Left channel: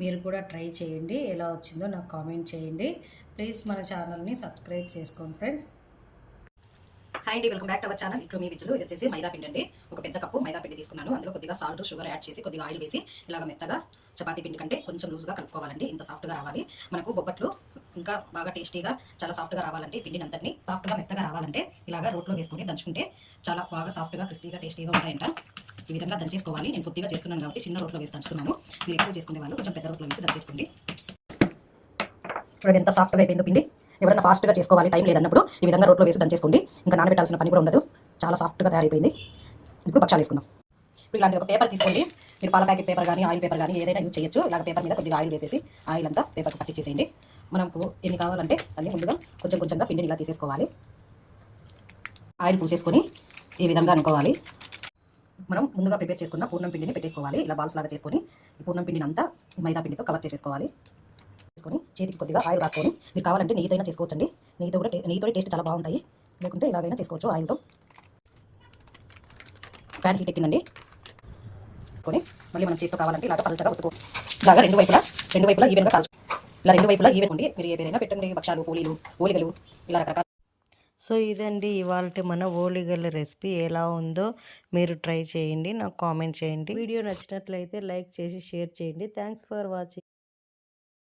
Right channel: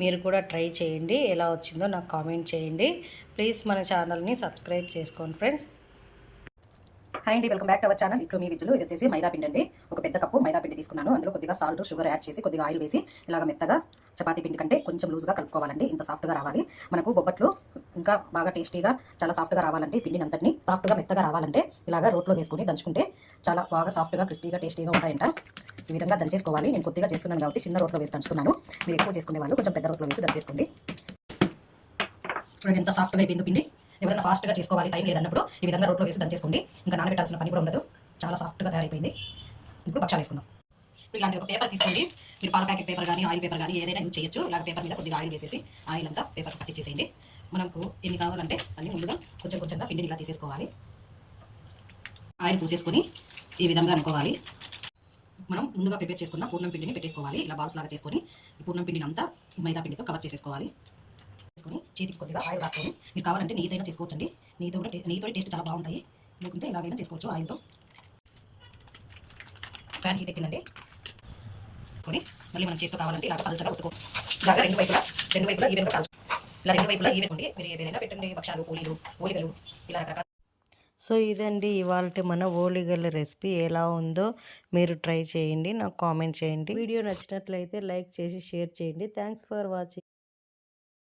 మీరు కూడా ట్రై చేయండి. ఎలా వచ్చిందో నాకు కామెంట్ చేయండి. ప్లీజ్ మన ఛానల్ని సబ్స్క్రైబ్ చేసుకోండి ఫ్రెండ్స్. హాయ్ అండి, welcome back to our channel. ఇప్పుడు మీ విజులు ఇది వచ్చేసి మైదా పిండి అండి. ఒక పెద్ద కప్పు మైదా పిండి తీసుకున్నాను. అందులో కొద్దిగా సాల్ట్, షుగర్ యాడ్ చేసి కొద్దిగా ఆయిల్ వేసి ఇలాగ మెత్తగా చపాతీ పిండి కంటే కొంచెం లూజ్గా కలుపుకోవాలండి. ఇంత సాఫ్ట్గా రావాలి మనకు బొబ్బట్లు. ఇంకా బాగా టేస్టీగా చాలా సాఫ్ట్గా రావాలంటే పిండిని అంతటిని సాఫ్ట్గా మెత్తగా రావాలంటే ఇలాగ రోట్లో వేసుకుని దంచుకుంటే చాలా బాగా సాఫ్ట్గా క్రిస్పీగా టేస్టీగా ఉంటాయంట. ఈ విధంగా దంచేసుకోవాలి. నేను కొద్దిగా చేస్తున్నాను కాబట్టి చిన్న రోట్లో వేసి దంచుతున్నాను. మీరు ఎక్కువ చేసుకునే వాళ్ళు కొంచెం పెద్ద రోట్లో వేసి దంచేసుకోండి. చూడండి ఎంత సాఫ్ట్గా అయిపోయిందో పిండి. ఎవరైనా ఫాస్ట్గా చేసుకోవాలి, టైం లేదన్నప్పుడు ఈ విధంగా రోట్లో వేసి దంచేసుకోండి. ఇంకా నానబెట్టాల్సిన పని కూడా ఉండదు. చాలా సాఫ్ట్గా తయారైపోయింది. ఇప్పుడు పక్షాలు వేసుకుందాం. ఇప్పుడు ఇలాంటి ఒక పేపర్ తీసుకోండి. మీరు పాల ప్యాకెట్ పేపర్ కానీ ఆయిల్ పేపర్ కానీ ఏదైనా యూజ్ చేయొచ్చు. ఇలాగ పేపర్ మీద కొద్దిగా ఆయిల్ వేసేసి ఆయిల్ అంతా పేపర్కి పట్టించేసేయండి. మనకు ఎన్ని కావాలంటే అన్నీ ముందుగా కొంచెం కొంచెంగా పిండిని ఇలా తీసేసుకోవాలి. ఆయిల్ పూసేసుకొని ఈ విధంగా అనుకోవాలి. మనం ముందుగా ప్రిపేర్ చేసుకున్న పూర్ణం పిండిని పెట్టేసుకోవాలి. ఇలా బాల్స్ లాగా చేసుకొని ఈ పూర్ణం పిండిని అంతా ఈ మైదా పిండితో కవర్ చేసేసుకోవాలి. చేసుకొని చేతికి కొద్దిగా ఆయిల్ రాసుకొని, మీరు కావాలంటే నెయ్యితోనే చేసుకోవచ్చండి. నెయ్యితో టేస్ట్ చాలా బాగుంటాయి. లేకుంటే ఇలాగైనా చేసుకోవచ్చు ఆయిల్తో. ప్యాన్ హీట్ ఎక్కిందండి. కొని మళ్ళీ మనం చేతితో కావాలంటే ఇలాగ పలచగా ఒత్తుకో. ఇలాగా రెండు వైపులా ఈవెన్గా కాల్చు. ఇలా రెండు వైపులా ఈవెన్ ఉండి మీరు ఏదైనా పెట్టండి. భక్షాలు, పూలీలు, ఓలిగలు ఇలా రకరకాల. సో ఇదండి ఇవాళ మన ఓలిగల రెసిపీ. ఎలా ఉందో మీరు ట్రై చేయండి, నాకు కామెంట్ చేయండి. వీడియో నచ్చినట్లయితే లైక్ చేసి షేర్ చేయండి. Thanks for watching.